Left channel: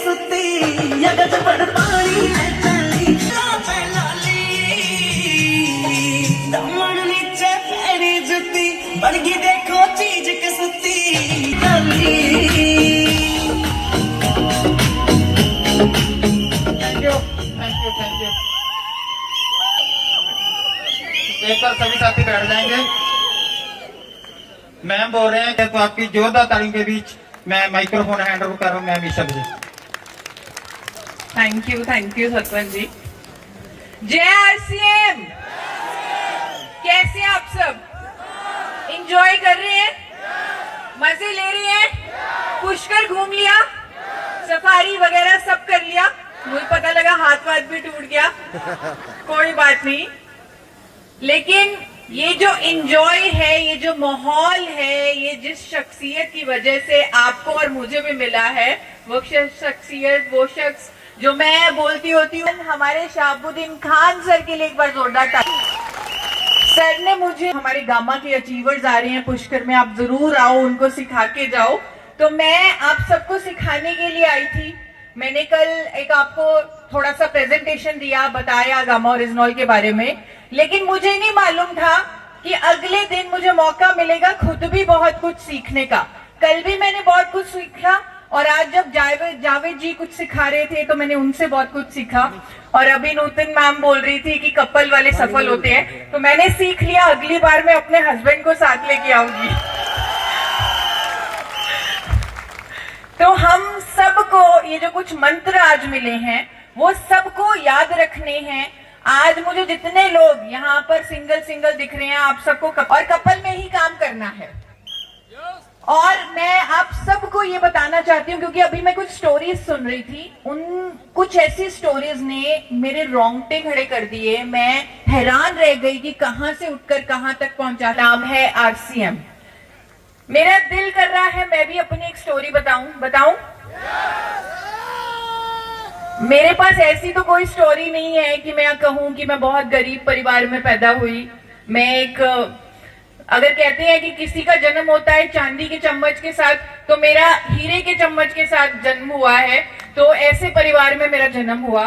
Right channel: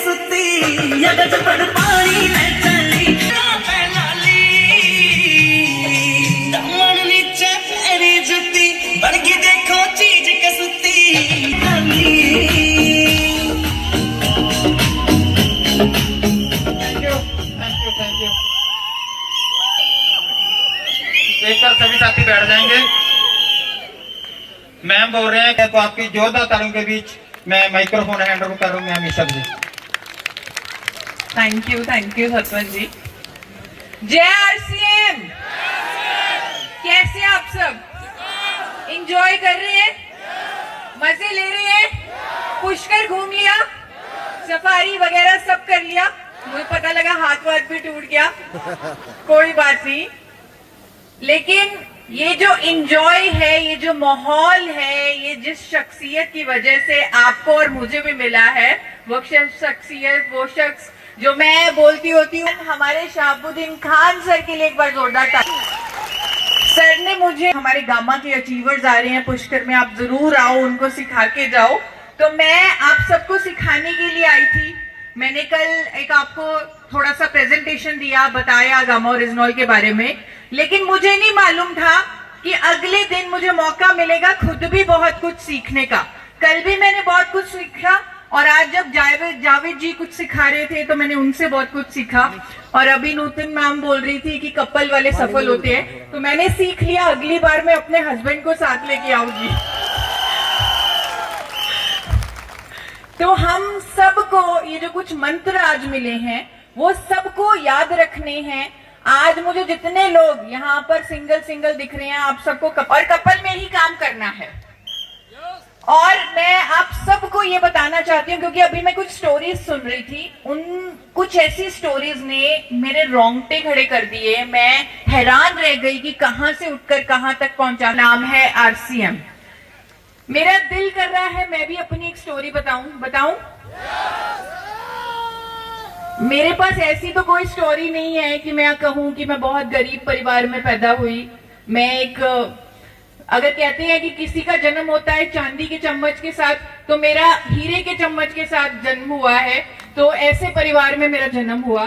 सुती जगत पर पानी चली लाली दमन नीचे फेरी जुती बन गई देखो चीज के सुती देखकर सभी साथी बैठ जाएंगे। मैम बोल रहे हैं तो आपकी जोरदार तालियों के बीच मैं माइक्रोफोन हैंड ओवर कर रहा हूँ ma'am Isha ji. Thank you sarpanch ji. जय आरसीएम। कैसे आप सब एंजॉय कर रहे हैं, मजे ले रहे हैं, पुष्कर घूम लिया, सफारी वगैरह सब कर लिया, मुझे पता लगा हाथ वाथ भी टूट गया, कोई बात नहीं। लेकिन ये जो एंजॉय है, ये जो माहौल है, ये जिस शख्सियत की वजह से आपको और मुझे भी मिला है, वो शख्सियत, वो शख्स जो मैं बोलती होती हूँ, हमारे शहाबुद्दीन खान सर के लिए एक बार जोरदार ताली। सर ने मुझे, हमारे गामा के अचीवर्स आ रहे हैं पुष्कर में, आप जरूर आओ, उनको सिखा के जाओ। तो मैं आप सबको सिखाने के लिए आई थी। मैंने कल एक आपको थोड़ा सा प्रेजेंटेशन दिया, बताया गामा ओरिजिनल के बारे में, लेकिन मुझे नहीं मालूम था कि अगले दिन मुझे मौका मिलेगा खुद भी बहुत कुछ सीखने का। कल भी मैंने बहुत कुछ सीखा और आज जब जावेद जी कुछ सिखा रहे थे तो मैंने उनसे बहुत कुछ सीखा। और अभी नूतन मैम बोल रही थी कि कपल वाले सफल होते हैं, तो मैंने सीख लिया, अगली बार मैं अपने हस्बैंड को साथ लेके आऊंगी। तो हम सबको ये जो कुछ मंत्र आज मिले हैं वो सबको याद रखने हैं। आज मुझे जितने लोग यहाँ पर सिंगल दिख रहे हैं, आप सबको और कपल में ही काम करना है। और मैं आप सबको ये बताना चाहती हूँ, क्योंकि अभी मैं कुछ स्टोरीज सुन रही थी, उन कुछ ऐसी स्टोरीज ने मेरे रोंगटे खड़े कर दिए। मैं हैरान रह गई कि कहां से उठकर कहां तक पहुंचा। नाम है आरसीएम। मेरा दिल कर रहा है मैं भी अपनी एक स्टोरी बताऊं। मेरे पास ऐसी तो कोई स्टोरी नहीं है कि मैं कहूं कि मैं बहुत गरीब परिवार में पैदा हुई। मैं एक, अगर कहते हैं कि किसी का जन्म होता है चांदी के चम्मच के साथ, तो मेरा हीरे के चम्मच के साथ जन्म हुआ है। तो ऐसे परिवार में मेरा जन्म हुआ।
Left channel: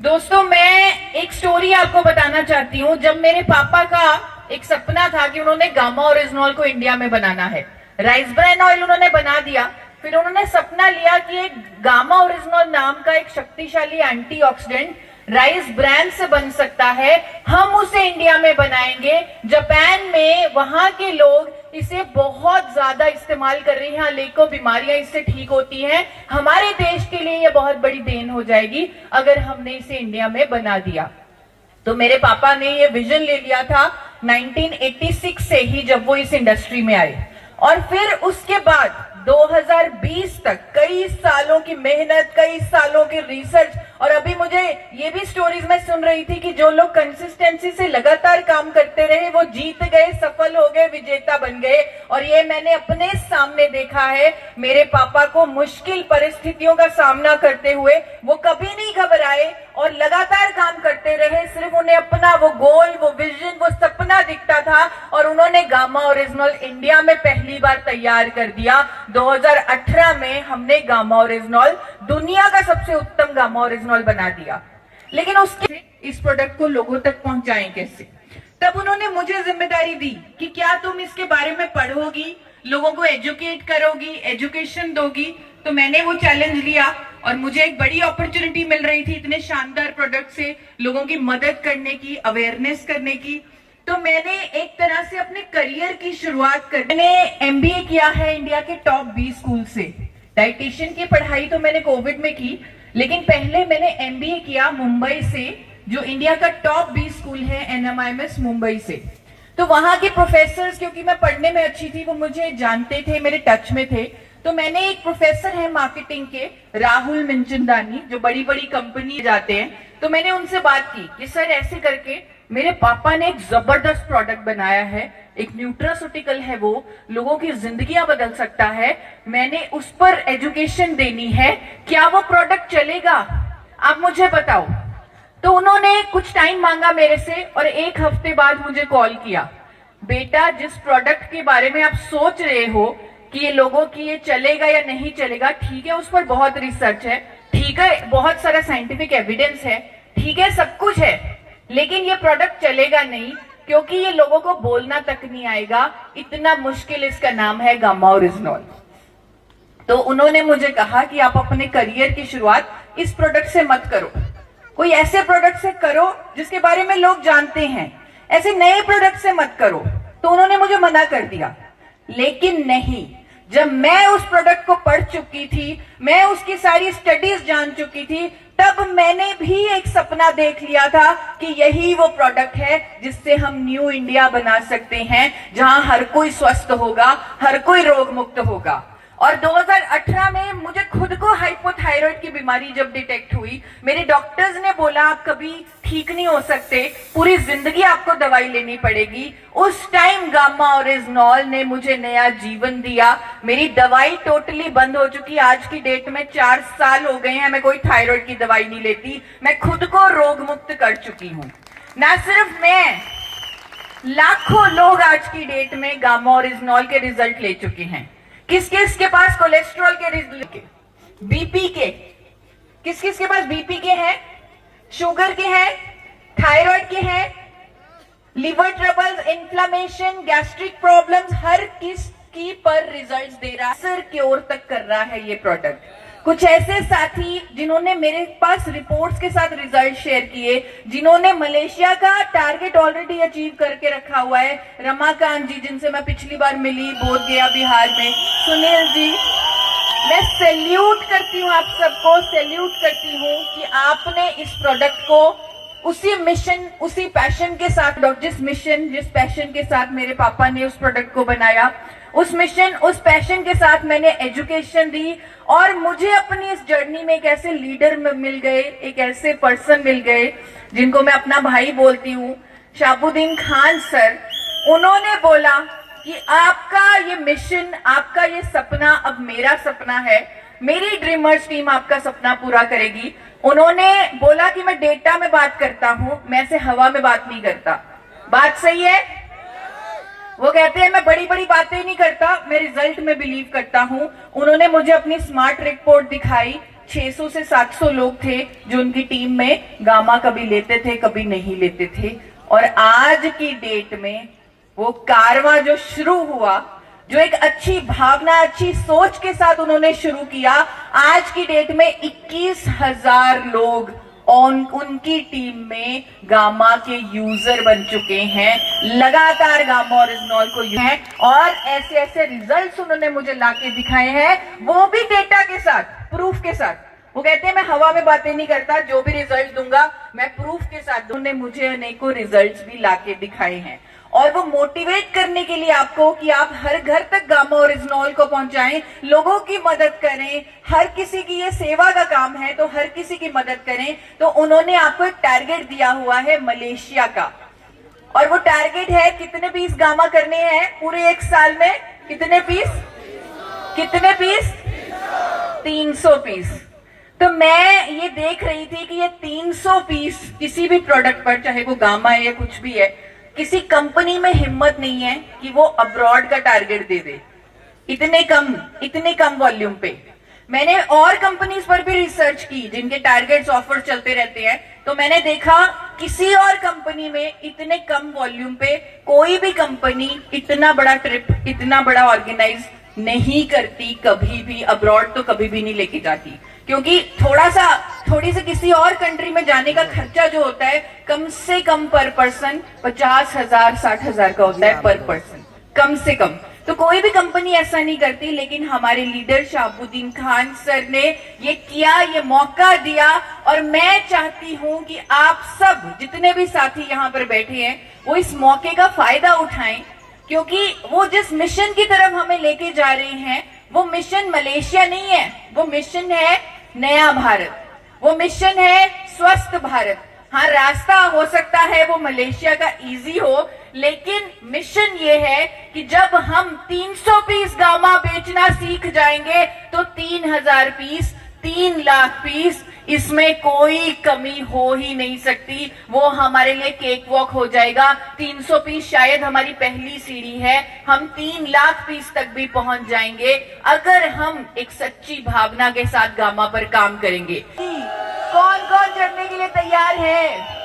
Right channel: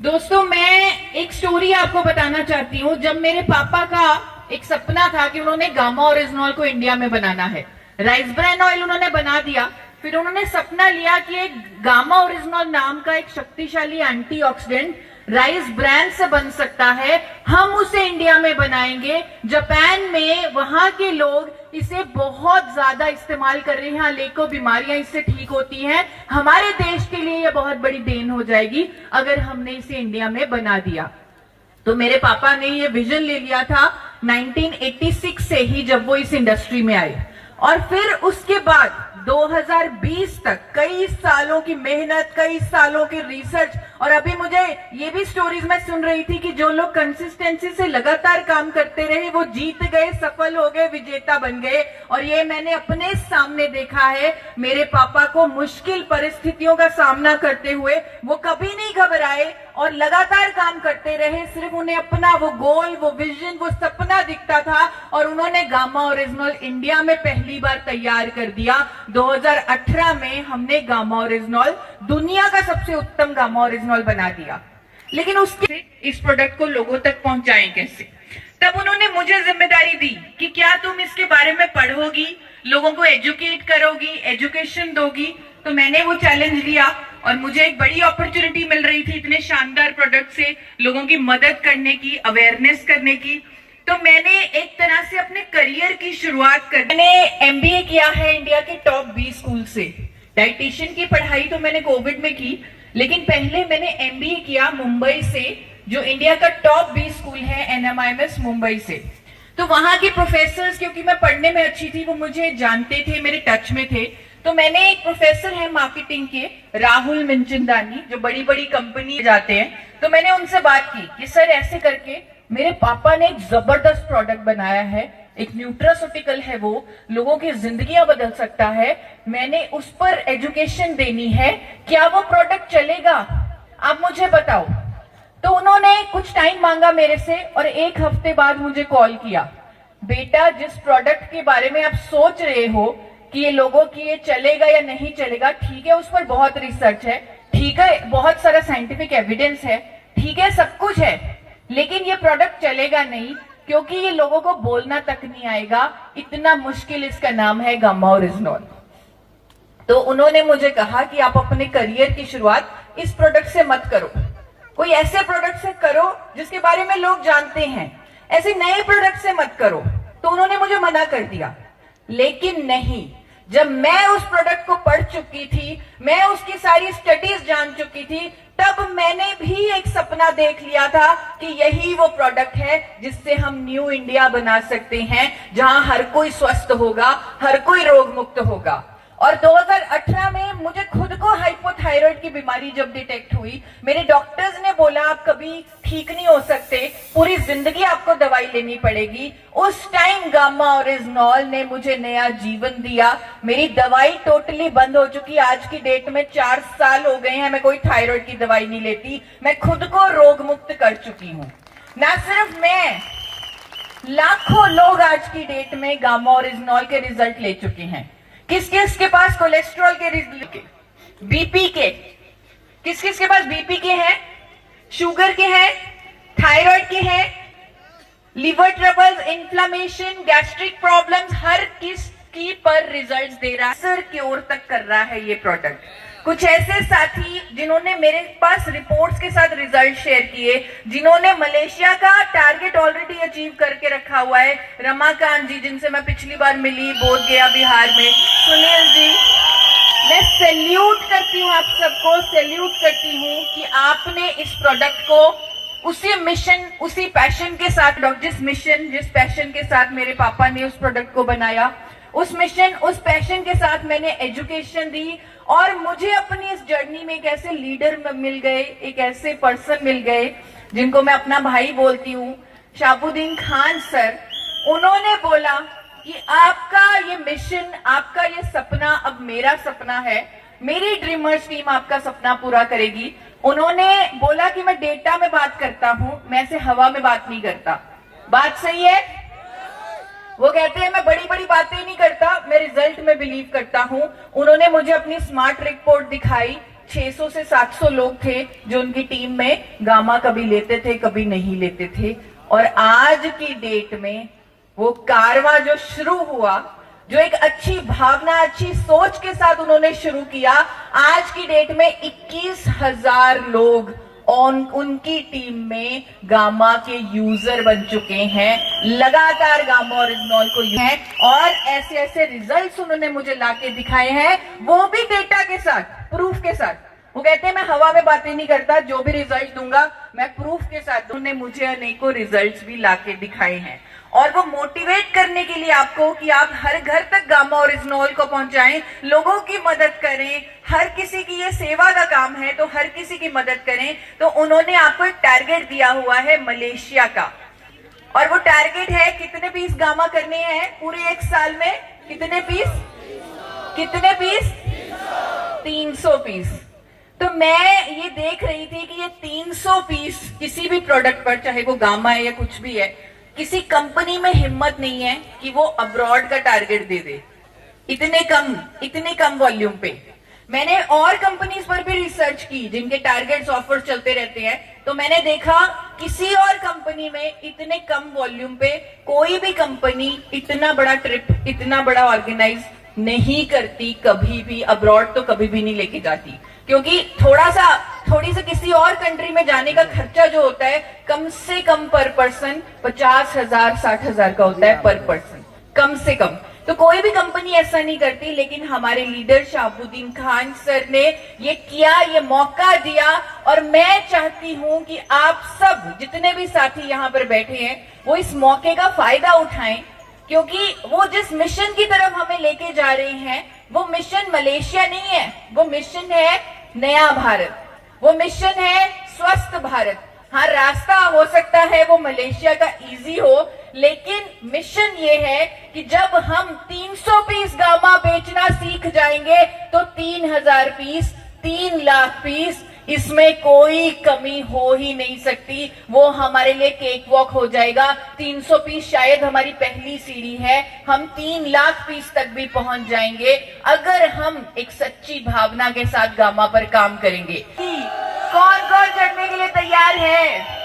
दोस्तों, मैं एक स्टोरी आपको बताना चाहती हूँ। जब मेरे पापा का एक सपना था कि उन्होंने गामा ओरिजिनल को इंडिया में बनाना है, राइस ब्रान ऑयल उन्होंने बना दिया, फिर उन्होंने सपना लिया कि एक गामा ओरिजिनल नाम का एक शक्तिशाली एंटीऑक्सीडेंट राइस ब्रान से बन सकता है, हम उसे इंडिया में बनाएंगे। जापान में वहां के लोग इसे बहुत ज्यादा इस्तेमाल कर रहे हैं, लाखों बीमारियां इससे ठीक होती हैं। हमारे देश के लिए यह बहुत बड़ी देन हो जाएगी अगर हमने इसे इंडिया में बना दिया। तो मेरे पापा ने ये विजन ले लिया था 1986 से ही, जब वो इस इंडस्ट्री में आए। और फिर उसके बाद 2020 तक कई सालों की मेहनत, कई सालों की रिसर्च, और अभी मुझे ये भी स्टोरीज में सुन रही थी कि जो लोग कंसिस्टेंसी से लगातार काम करते रहे वो जीत गए, सफल हो गए, विजेता बन गए। और ये मैंने अपने सामने देखा है। मेरे पापा को मुश्किल परिस्थितियों का सामना करते हुए वो कभी नहीं घबराए और लगातार काम करते रहे। सिर्फ उन्हें अपना वो गोल, वो विजन, वो सपना दिखता था और उन्होंने गामा ओरिजिनल इंडिया में पहली बार तैयार कर दिया। 2018 में हमने गामा ओरिजिनल दुनिया का सबसे उत्तम गामा ओरिजिनल बना दिया। लेकिन उसके इस प्रोडक्ट को लोगों तक पहुंचाएं कैसे? तब उन्होंने मुझे जिम्मेदारी दी कि क्या तुम इसके बारे में पढ़ोगी, लोगों को एजुकेट करोगी, एजुकेशन दोगी। तो मैंने वो चैलेंज लिया और मुझे एक बड़ी अपॉर्चुनिटी मिल रही थी इतने शानदार प्रोडक्ट से लोगों की मदद करने की, अवेयरनेस करने की। तो मैंने एक तरह से अपने करियर की शुरुआत कर, मैंने एमबीए किया है इंडिया के टॉप 20 स्कूल से। डाइटिशियन की पढ़ाई तो मैंने कोविड में की, लेकिन पहले मैंने एमबीए किया मुंबई से, जो इंडिया का टॉप 20 स्कूल है, एनएमआईएमएस मुंबई से। तो वहां के प्रोफेसर्स, क्योंकि मैं पढ़ने में अच्छी थी, वो मुझे जानते थे, मेरे टच में थे। तो मैंने एक प्रोफेसर है मार्केटिंग के, राहुल मिंचिंदानी, जो बड़ी बड़ी कंपनी जाते हैं, तो मैंने उनसे बात की कि सर ऐसे करके मेरे पापा ने एक जबरदस्त प्रोडक्ट बनाया है, एक न्यूट्रास्यूटिकल है, वो लोगों की जिंदगियां बदल सकता है, मैंने उस पर एजुकेशन देनी है, क्या वो प्रोडक्ट चलेगा? आप मुझे बताओ। तो उन्होंने कुछ टाइम मांगा मेरे से और एक हफ्ते बाद मुझे कॉल किया, बेटा जिस प्रोडक्ट के बारे में आप सोच रहे हो, कि ये लोगों की ये चलेगा या नहीं चलेगा, ठीक है, उस पर बहुत रिसर्च है, ठीक है, बहुत सारा साइंटिफिक एविडेंस है, ठीक है, सब कुछ है, लेकिन ये प्रोडक्ट चलेगा नहीं क्योंकि ये लोगों को बोलना तक नहीं आएगा, इतना मुश्किल इसका नाम है गामा ओरिजिनॉल। तो उन्होंने मुझे कहा कि आप अपने करियर की शुरुआत इस प्रोडक्ट से मत करो, कोई ऐसे प्रोडक्ट से करो जिसके बारे में लोग जानते हैं, ऐसे नए प्रोडक्ट से मत करो। तो उन्होंने मुझे मना कर दिया, लेकिन नहीं, जब मैं उस प्रोडक्ट को पढ़ चुकी थी, मैं उसकी सारी स्टडीज जान चुकी थी, तब मैंने भी एक सपना देख लिया था कि यही वो प्रोडक्ट है जिससे हम न्यू इंडिया बना सकते हैं, जहां हर कोई स्वस्थ होगा, हर कोई रोग मुक्त होगा। और 2018 में मुझे खुद को हाइपोथायराइड की बीमारी जब डिटेक्ट हुई, मेरे डॉक्टर्स ने बोला आप कभी ठीक नहीं हो सकते, पूरी जिंदगी आपको दवाई लेनी पड़ेगी। उस टाइम गामा ओरिजिनॉल ने मुझे नया जीवन दिया। मेरी दवाई टोटली बंद हो चुकी, आज की डेट में 4 साल हो गए हैं, मैं कोई थायराइड की दवाई नहीं लेती, मैं खुद को रोग मुक्त कर चुकी हूँ। ना सिर्फ मैं, लाखों लोग आज की डेट में गामा ओरिजिनॉल के रिजल्ट ले चुके हैं। किस किस के पास कोलेस्ट्रॉल के रिजल्ट, बीपी के, किस किस के पास बीपी के हैं, शुगर के हैं, थायराइड के हैं, liver troubles, inflammation, gastric problems, हर किस की पर रिजल्ट्स दे रहा है, सर क्योर तक कर रहा है ये प्रोडक्ट। कुछ ऐसे साथी जिन्होंने मेरे पास रिपोर्ट्स के साथ रिजल्ट शेयर किए, जिन्होंने मलेशिया का टारगेट ऑलरेडी अचीव करके रखा हुआ है, रमाकांत जी जिनसे मैं पिछली बार मिली बोध गया बिहार में, सुनील जी, मैं सैल्यूट करती हूँ आप सबको, सैल्यूट करती हूँ कि आपने इस प्रोडक्ट को उसी मिशन, उसी पैशन के साथ, जिस पैशन के साथ मेरे पापा ने उस प्रोडक्ट को बनाया, उस मिशन, उस पैशन के साथ मैंने एजुकेशन दी, और मुझे अपनी इस जर्नी में एक ऐसे लीडर मिल गए, एक ऐसे पर्सन मिल गए जिनको मैं अपना भाई बोलती हूँ, शाहबुद्दीन खान सर। उन्होंने बोला कि आपका ये मिशन, आपका ये सपना अब मेरा सपना है, मेरी ड्रीमर्स टीम आपका सपना पूरा करेगी। उन्होंने बोला कि मैं डेटा में बात करता हूँ, मैं ऐसे हवा में बात नहीं करता। बात सही है? वो कहते हैं मैं बड़ी बड़ी बातें नहीं करता, मैं रिजल्ट में बिलीव करता हूँ। उन्होंने मुझे अपनी स्मार्ट रिपोर्ट दिखाई, 600 से 700 लोग थे जो उनकी टीम में गामा कभी लेते थे, कभी नहीं लेते थे, और आज की डेट में वो कारवां जो शुरू हुआ, जो एक अच्छी भावना, अच्छी सोच के साथ उन्होंने शुरू किया, आज की डेट में 21,000 लोग उनकी टीम में गामा के यूजर बन चुके हैं, लगातार गामा ओरिजिनॉल को यूज है, और ऐसे ऐसे रिजल्ट्स उन्होंने मुझे लाके दिखाए हैं, वो भी डेटा के साथ, प्रूफ के साथ। वो कहते हैं मैं हवा में बातें नहीं करता, जो भी रिजल्ट दूंगा मैं प्रूफ के साथ। उन्होंने मुझे अनेकों रिजल्ट्स भी लाके दिखाए हैं, और वो मोटिवेट करने के लिए आपको कि आप हर घर तक गामा ओरिजिनॉल को पहुंचाएं, लोगों की मदद करें, हर किसी की ये सेवा का काम है, तो हर किसी की मदद करें। तो उन्होंने आपको एक टारगेट दिया हुआ है मलेशिया का, और वो टारगेट है कितने पीस गामा करने हैं पूरे 1 साल में, कितने पीस, कितने पीस, 300 पीस। तो मैं ये देख रही थी कि ये 300 पीस किसी भी प्रोडक्ट पर, चाहे वो गामा है या कुछ भी है, किसी कंपनी में हिम्मत नहीं है कि वो अब्रॉड का टारगेट दे दे इतने कम वॉल्यूम पे। मैंने और कंपनीज पर भी रिसर्च की जिनके टारगेट्स ऑफर चलते रहते हैं, तो मैंने देखा किसी और कंपनी में इतने कम वॉल्यूम पे कोई भी कंपनी इतना बड़ा ट्रिप, इतना बड़ा ऑर्गेनाइज नहीं करती कभी भी, अब्रॉड तो कभी भी नहीं लेके जाती, क्योंकि थोड़ी सी किसी और कंट्री में जाने का खर्चा जो होता है कम से कम पर पर्सन 50,000 60,000 का होता है पर पर्सन, कम से कम। तो कोई भी कंपनी ऐसा नहीं करती, लेकिन हमारे लीडर शाहबुद्दीन खान सर ने ये किया, ये मौका दिया, और मैं चाहती हूं कि आप सब जितने भी साथी यहाँ पर बैठे हैं वो इस मौके का फायदा उठाएं, क्योंकि वो जिस मिशन की तरफ हमें लेके जा रहे हैं वो मिशन मलेशिया नहीं है, वो मिशन है नया भारत, वो मिशन है स्वस्थ भारत। हाँ, रास्ता हो सकता है वो मलेशिया का इजी हो, लेकिन मिशन ये है कि जब हम 300 पीस गामा बेचना सीख जाएंगे तो 3,000 पीस, 3 लाख पीस, इसमें कोई कमी हो ही नहीं सकती। वो हमारे लिए केक वॉक हो जाएगा। 300 पीस शायद हमारी पहली सीढ़ी है, हम 3 लाख पीस तक भी पहुंच जाएंगे अगर हम एक सच्ची भावना के साथ गामा पर काम करेंगे। कौन कौन चढ़ने के लिए तैयार है?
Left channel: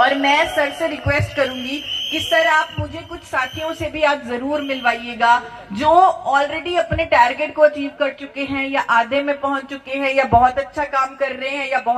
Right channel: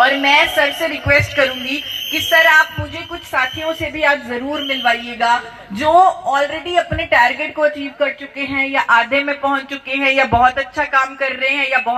और मैं सर से रिक्वेस्ट करूंगी कि सर आप मुझे कुछ साथियों से भी आप जरूर मिलवाइएगा जो ऑलरेडी अपने टारगेट को अचीव कर चुके हैं या आधे में पहुंच चुके हैं या बहुत अच्छा काम कर रहे हैं या बहुत